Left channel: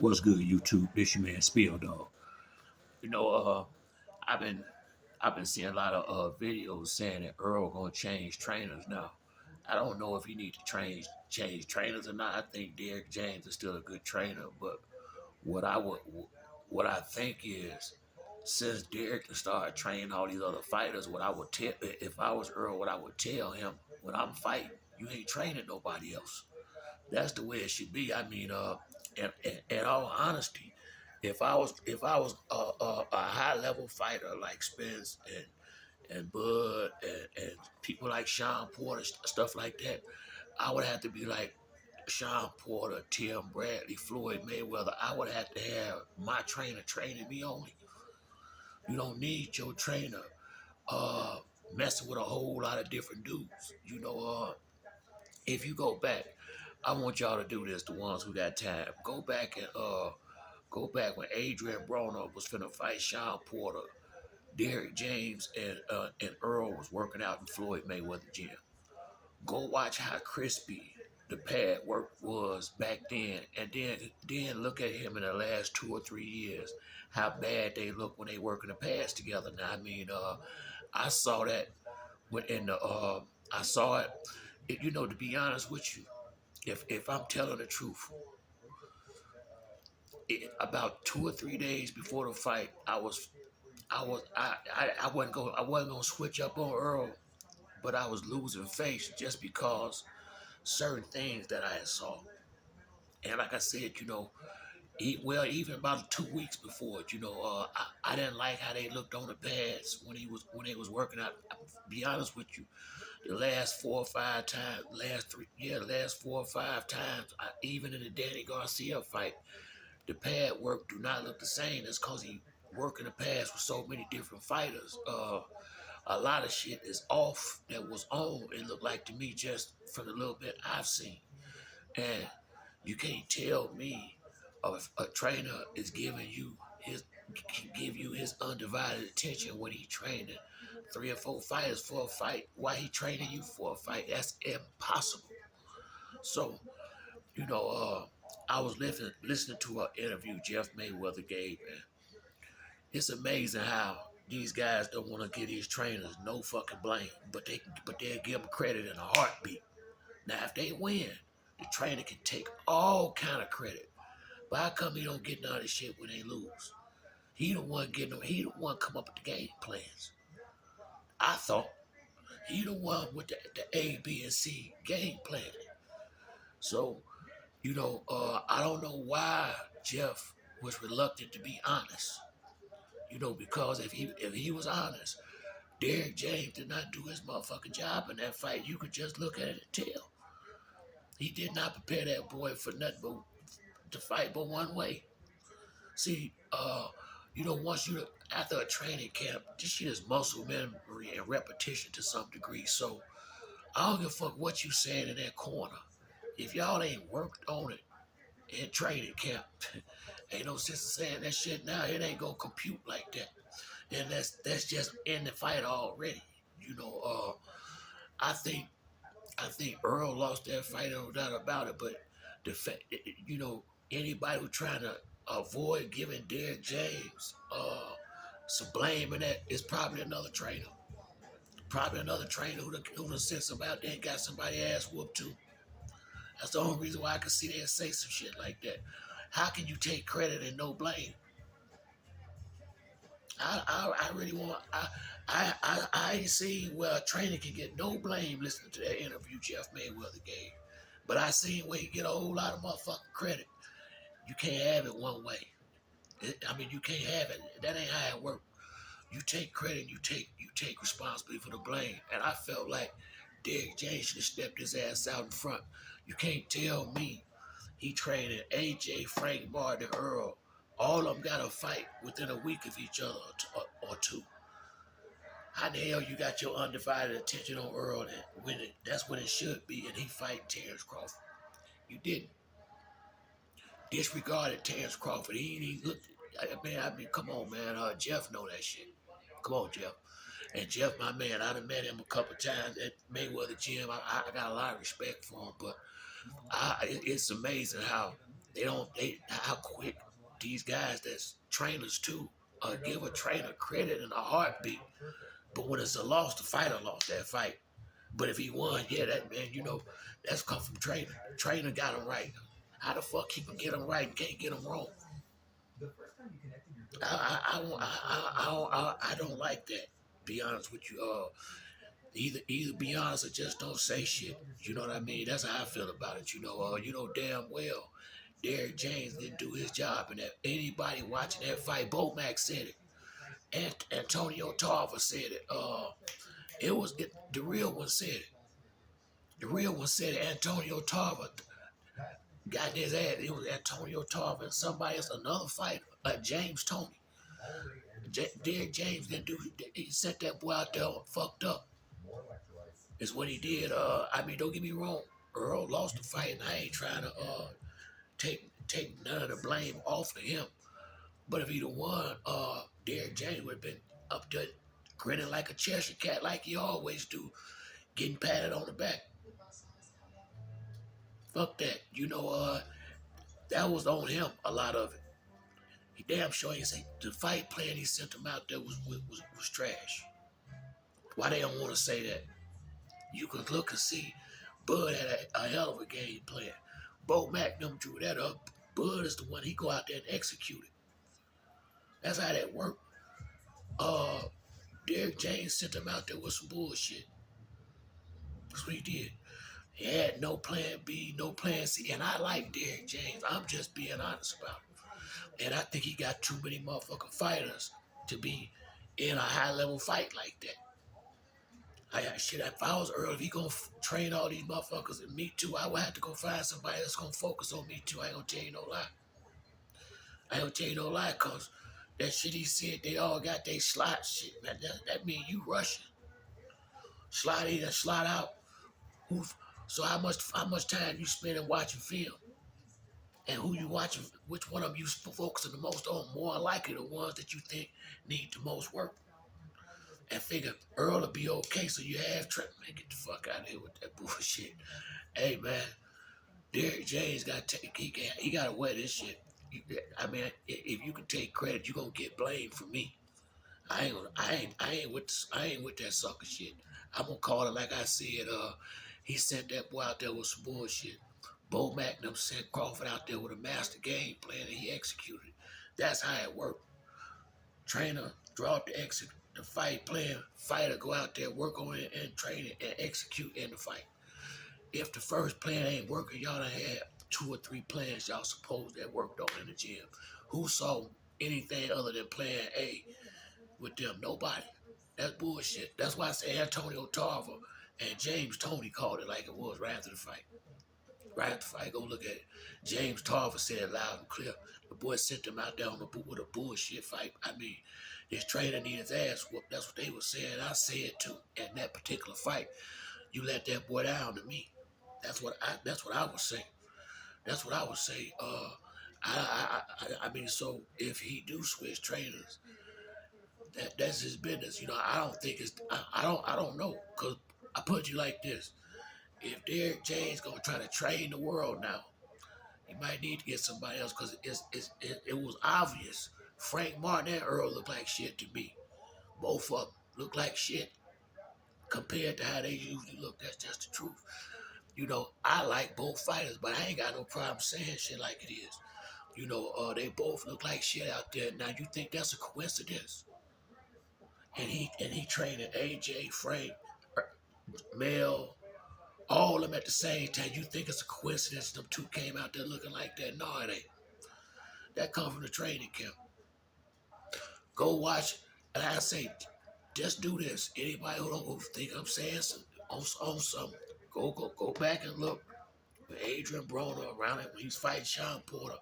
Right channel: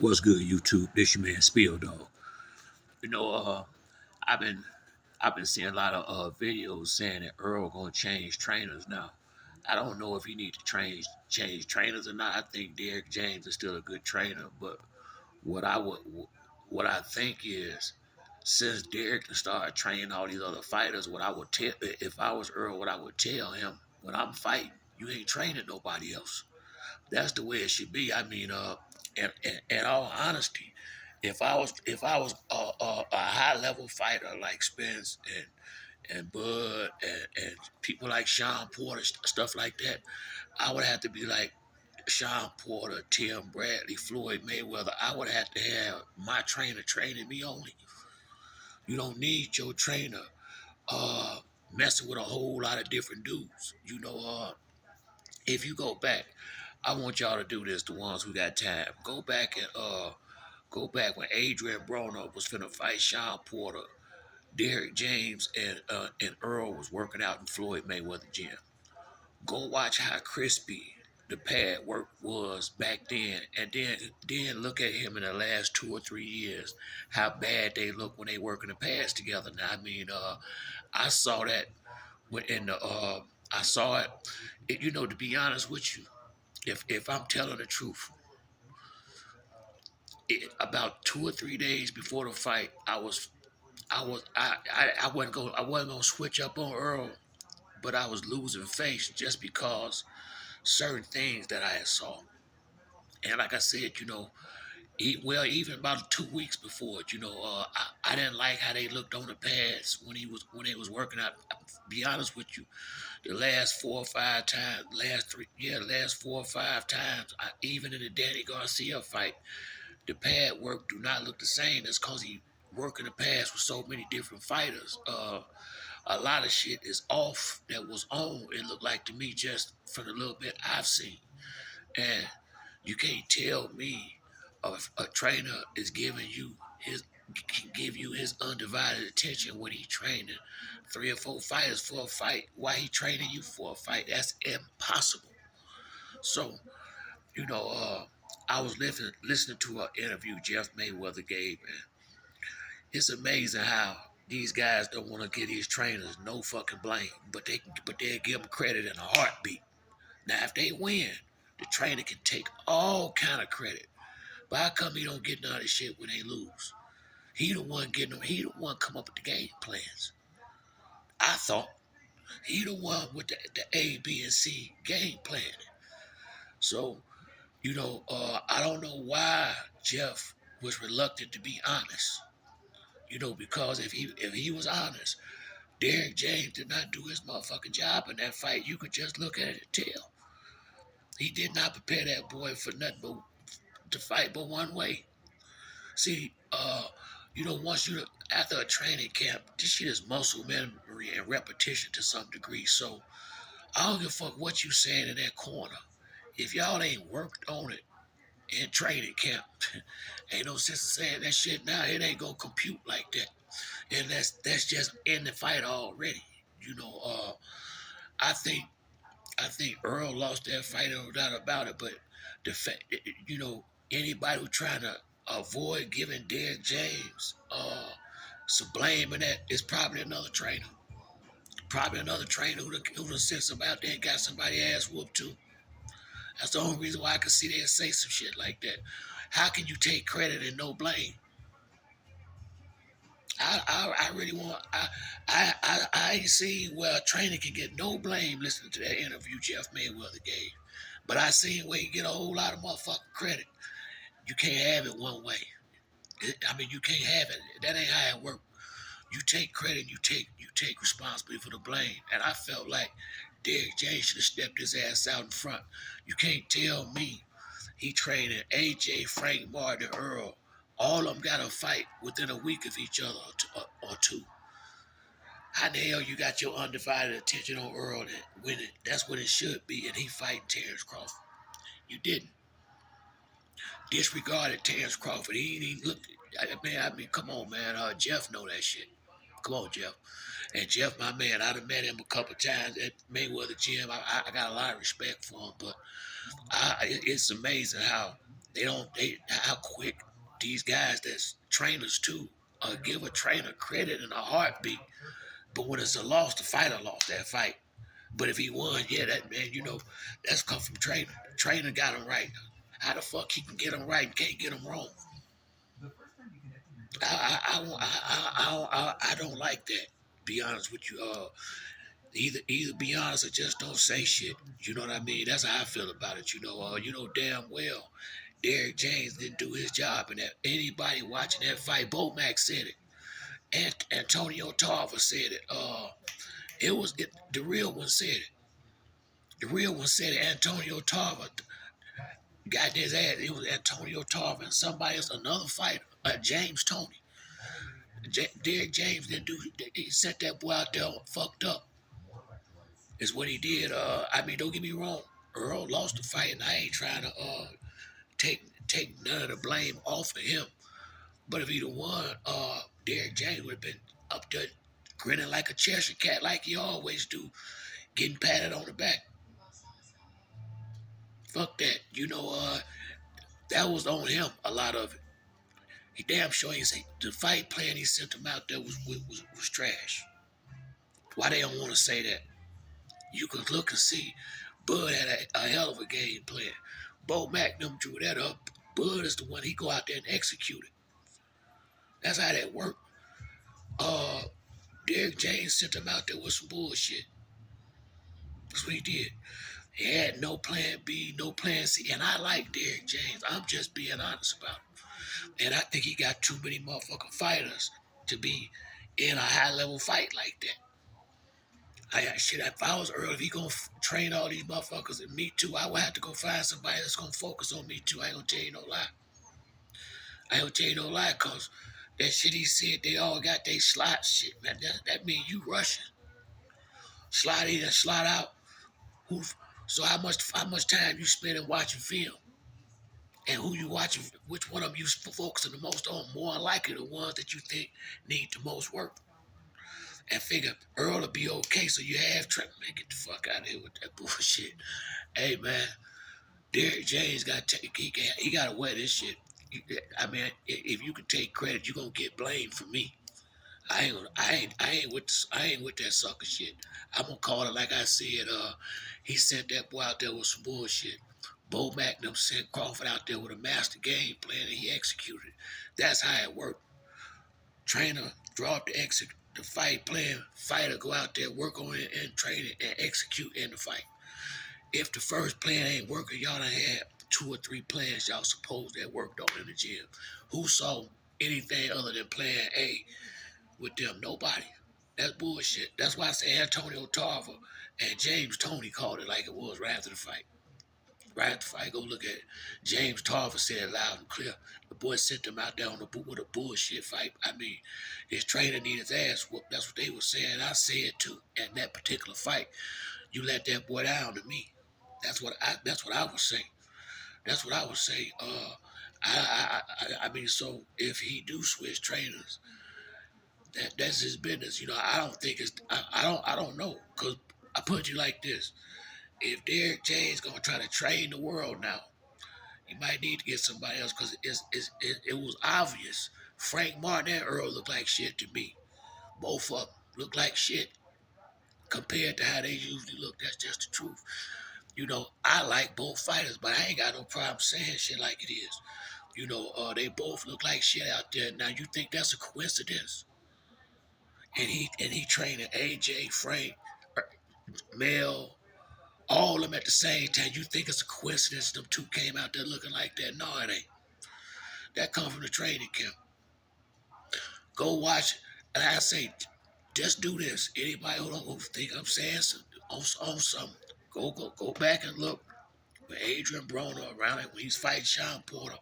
What's good, YouTube? This your man Spill Dog. You know, I've been I've been seeing a lot of videos saying that Earl gonna change trainers now. I don't know if he need to change trainers or not. I think Derrick James is still a good trainer, but what I would what I think is since Derrick started training all these other fighters, what I would tell if I was Earl, what I would tell him when I'm fighting, you ain't training nobody else. That's the way it should be. I mean, in all honesty, if I was a high level fighter like Spence and Bud and people like Sean Porter, stuff like that, I would have to be like Sean Porter, Tim Bradley, Floyd Mayweather. I would have to have my trainer training me only. You don't need your trainer uh messing with a whole lot of different dudes. If you go back, I want y'all to do this, the ones who got time. Go back when Adrian Broner was finna fight Sean Porter, Derrick James and Earl was working out in Floyd Mayweather gym. Go watch how crispy the pad work was back then, and then look at him in the last 2 or 3 years, how bad they look when they working the pads together. Now, I mean, I saw that when in the I saw it. To be honest with you, if I'm telling the truth, about 2 or 3 days before the fight, I wasn't gonna switch up on Earl, but I was losing face just because certain things that I had saw. And like I said, even about 2 weeks before it, I didn't like how they looked on the pads when they was working out. Be honest with you, the last 4 or 5 times, the last 4 or 5 times, even in the Danny Garcia fight, the pad work do not look the same. That's because he working the pads with so many different fighters. A lot of shit is off that was on. It looked like to me just from the little bit I've seen, and you can't tell me a trainer is giving you his can give you his undivided attention when he training 3 or 4 fighters for a fight. Why he training you for a fight? That's impossible. So you know, I was listening to an interview Jeff Mayweather gave, and it's amazing how these guys don't want to give these trainers no fucking blame, but they give them credit in a heartbeat. Now, if they win, the trainer can take all kind of credit. But how come he don't get none of this shit when they lose? He the one getting them. He the one come up with the game plans. I thought he the one with the A, B, and C game plan. So I don't know why Jeff was reluctant to be honest. Because if he was honest, Derrick James did not do his motherfucking job in that fight. You could just look at it and tell. He did not prepare that boy for nothing but to fight but one way. See, once after a training camp, this shit is muscle memory and repetition to some degree. So I don't give a fuck what you saying in that corner. If y'all ain't worked on it in training camp, ain't no sense in saying that shit now. It ain't gonna compute like that. And that's just in the fight already. You know, uh, I think I think Earl lost that fight, no doubt about it. But the fact, anybody who trying to avoid giving Derrick James some blame in that is probably another trainer. Probably another trainer who done sent somebody out there and got somebody ass whooped too. That's the only reason why I can see they say some shit like that. How can you take credit and no blame? I really want I ain't seen where a trainer can get no blame listening to that interview Jeff Mayweather gave. But I seen where he get a whole lot of motherfucking credit. You can't have it one way. You can't have it. That ain't how it works. You take credit, you take responsibility for the blame. And I felt like Derrick James should have stepped his ass out in front. You can't tell me he trained AJ, Frank Martin, Earl. All of them got to fight within a week of each other or two. How the hell you got your undivided attention on Earl and when that's what it should be, and he fighting Terrence Crawford? You didn't. Disregarded Terrence Crawford. He ain't even looked. Come on, man. Jeff know that shit. Come on, Jeff. And Jeff, my man, I done met him a couple times at Mayweather Gym. I got a lot of respect for him, but it's amazing how They don't. They how quick these guys that's trainers too give a trainer credit in a heartbeat. But when it's a loss, the fighter lost that fight. But if he won, yeah, that man, that's come from trainer. Trainer got him right. How the fuck he can get him right and can't get him wrong? I don't like that. Be honest with you. Either be honest or just don't say shit. You know what I mean? That's how I feel about it. You know damn well Derrick James didn't do his job, and that anybody watching that fight, Bo Mack said it, and Antonio Tarver said it. The real one said it. The real one said it. Antonio Tarver got his ass. It was Antonio Tarver and somebody else, another fighter, James Tony. Derrick James didn't do. He sent that boy out there fucked up. Is what he did. I mean, don't get me wrong. Earl lost the fight, and I ain't trying to take none of the blame off of him. But if he'd have won, Derrick James would have been up there grinning like a Cheshire cat, like he always do, getting patted on the back. Fuck that. That was on him. A lot of it. He damn sure ain't say the fight plan he sent him out there was trash. Why they don't want to say that? You can look and see. Bud had a hell of a game plan. Bo Mack them drew that up. Bud is the one he go out there and execute it. That's how that worked. Uh, Derrick James sent him out there with some bullshit. That's what he did. He had no plan B, no plan C. And I like Derrick James. I'm just being honest about it. And I think he got too many motherfucking fighters to be in a high level fight like that. Shit, if I was Earl, if he gonna train all these motherfuckers and me too, I would have to go find somebody that's gonna focus on me too. I ain't gonna tell you no lie. I ain't gonna tell you no lie, cause that shit he said they all got they slot shit, man. That mean you rushing. Slot in and slot out. Who so how much time you spending watching film? And who you watching, which one of them you focusing the most on? More likely the ones that you think need the most work. And figure Earl will be okay, so you have Trent. Man, get the fuck out of here with that bullshit. Hey man, Derrick James he got to wear this shit. I mean, if you can take credit, you gonna get blamed for me. I ain't with that sucker shit. I'm gonna call it like I said. He sent that boy out there with some bullshit. Bo Magnum sent Crawford out there with a master game plan, and he executed it. That's how it worked. Trainer draw up the fight plan. Fighter go out there, work on it, and train it and execute in the fight. If the first plan ain't working, y'all done had 2 or 3 plans y'all supposed that worked on in the gym. Who saw anything other than plan A with them? Nobody. That's bullshit. That's why I say Antonio Tarver and James Tony called it like it was right after the fight. Right after the fight, go look at it. James Tarver said it loud and clear. The boy sent him out there with a bullshit fight. I mean, his trainer needed his ass whooped. That's what they were saying. I said too. In that particular fight, you let that boy down to me. That's what I would say. That's what I would say. I mean, so if he do switch trainers, that's his business. I don't think I don't know, cause I put you like this: if Derrick James gonna try to train the world now, he might need to get somebody else, cause it was obvious. Frank Martin and Earl look like shit to me. Both of them look like shit compared to how they usually look. That's just the truth. I like both fighters, but I ain't got no problem saying shit like it is. They both look like shit out there. Now you think that's a coincidence? And he training AJ, Frank, Mel, all of them at the same time. You think it's a coincidence them two came out there looking like that? No, it ain't. That come from the training camp. Go watch, and I say, just do this. Anybody who think I'm saying on something, go back and look. With Adrian Broner around it when he's fighting Sean Porter,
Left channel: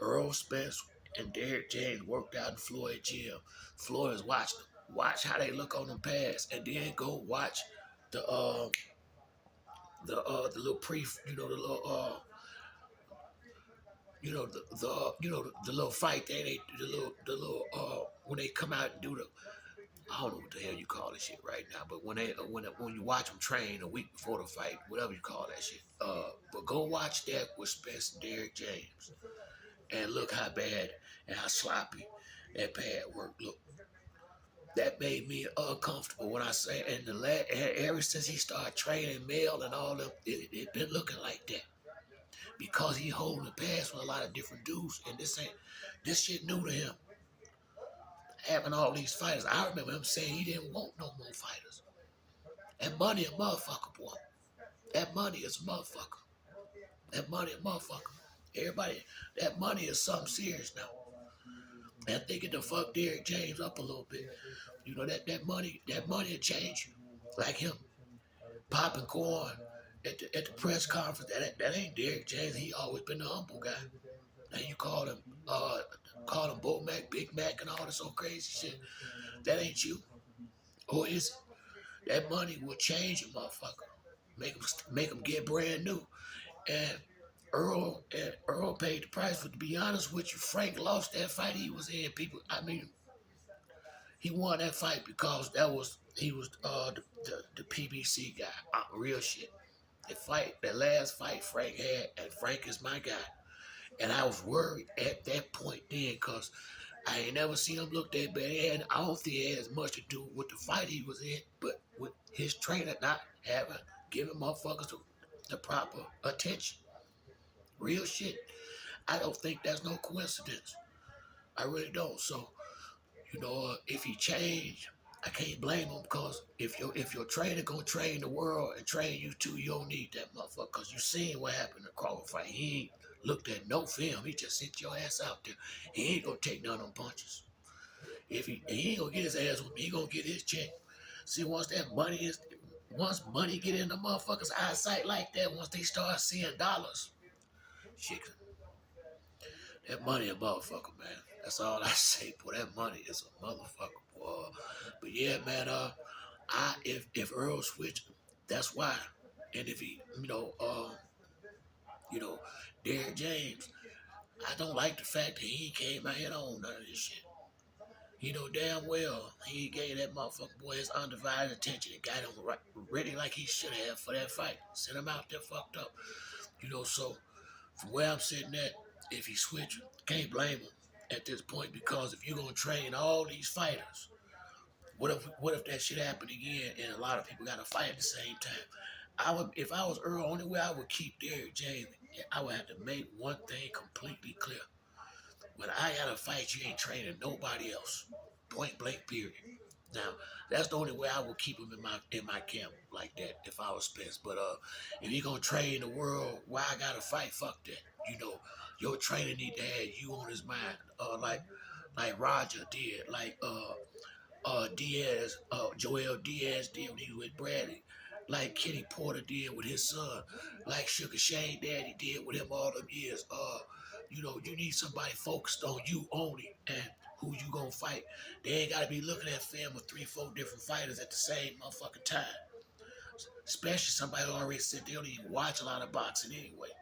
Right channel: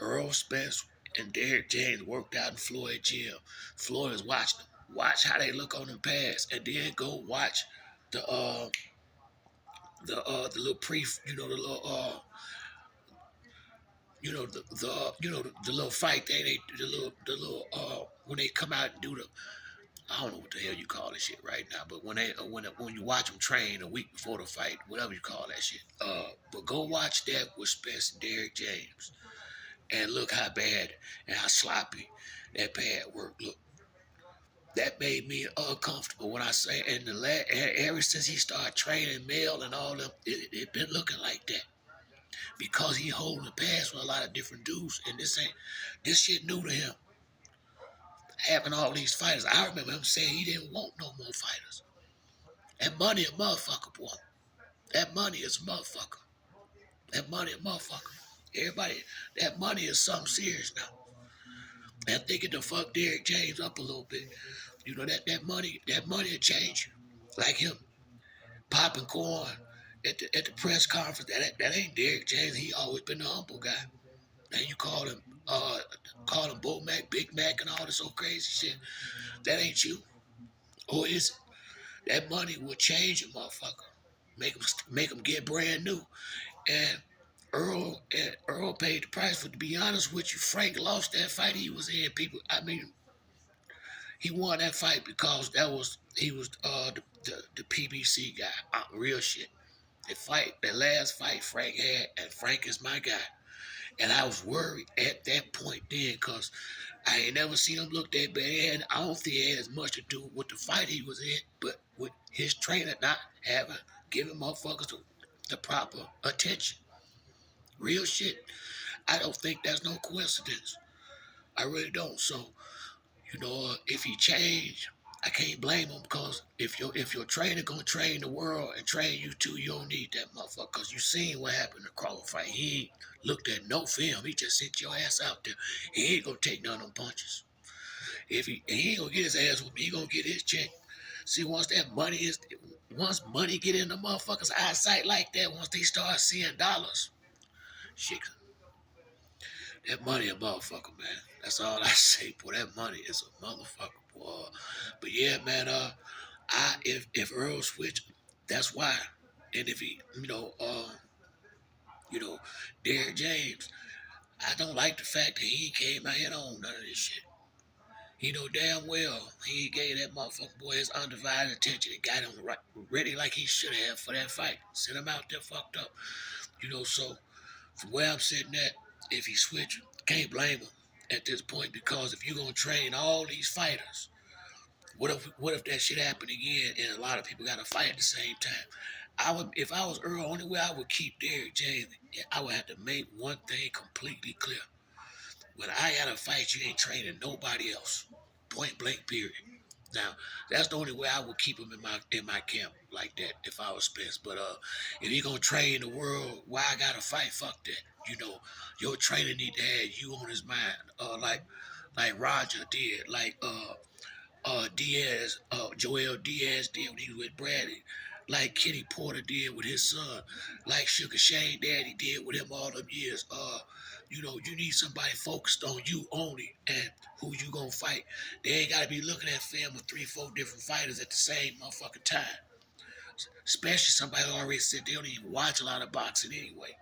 Errol Spence, and Derrick James worked out in Floyd gym. Floyd is watching them. Watch how they look on them pads, and then go watch the the little the little the little fight thing. The little when they come out and do I don't know what the hell you call this shit right now, but when you watch them train a week before the fight, whatever you call that shit. But go watch that with Spence and Derrick James, and look how bad and how sloppy that pad work look. That made me uncomfortable when I say, and ever since he started training Mel and all them, it been looking like that because he holding the pass with a lot of different dudes, and this shit new to him. Having all these fighters, I remember him saying he didn't want no more fighters. That money a motherfucker, boy. That money is a motherfucker. That money a motherfucker. Everybody, that money is something serious now. And thinking to fuck Derrick James up a little bit. You know that money will change you. Like him popping corn at the press conference. That ain't Derrick James. He always been a humble guy. And you call him Bo Mac, Big Mac, and all this old crazy shit. That ain't you. Or is it? That money will change a motherfucker. Make him get brand new. And Earl paid the price for. To be honest with you, Frank lost that fight he was in. People, I mean, he won that fight because he was the PBC guy. Real shit. That last fight Frank had, and Frank is my guy. And I was worried at that point then because I ain't never seen him look that bad. I don't think it had as much to do with the fight he was in, but with his trainer not having giving motherfuckers the proper attention. Real shit. I don't think that's no coincidence. I really don't. So, if he changed, I can't blame him because if your trainer gonna train the world and train you too, you don't need that motherfucker. Cause you seen what happened in the Crawford fight. He ain't looked at no film. He just sent your ass out there. He ain't gonna take none of them punches. If he ain't gonna get his ass with me, he gonna get his check. See, once money get in the motherfuckers' eyesight like that, once they start seeing dollars, shit, that money a motherfucker, man. That's all I say, boy. That money is a motherfucker, boy. But yeah, man. If Earl switch, that's why. And if he, you know, Derrick James, I don't like the fact that he came out here on none of this shit. He know damn well he gave that motherfucker boy his undivided attention and got him right, ready like he should have for that fight. Sent him out there fucked up. So from where I'm sitting at, if he switch, can't blame him at this point because if you're gonna train all these fighters, what if that shit happened again and a lot of people gotta fight at the same time? If I was Earl, only way I would keep Derrick James, I would have to make one thing completely clear. When I gotta fight, you ain't training nobody else. Point blank period. Now, that's the only way I would keep him in my camp like that if I was Spence. But if he gonna train the world, why I gotta fight? Fuck that. Your trainer need to have you on his mind. Like Roger did, like Joel Diaz did when he was with Bradley, like Kenny Porter did with his son, like Sugar Shane Daddy did with him all them years. You need somebody focused on you only and who you gonna fight. They ain't gotta be looking at film with 3, 4 different fighters at the same motherfucking time. Especially somebody who already said they don't even watch a lot of boxing anyway.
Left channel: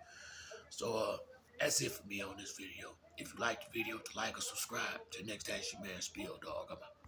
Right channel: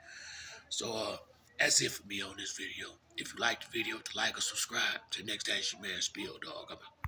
So that's it for me on this video. If you like the video, to like or subscribe. Till next time, it's your man Spiel Dog. I'm out.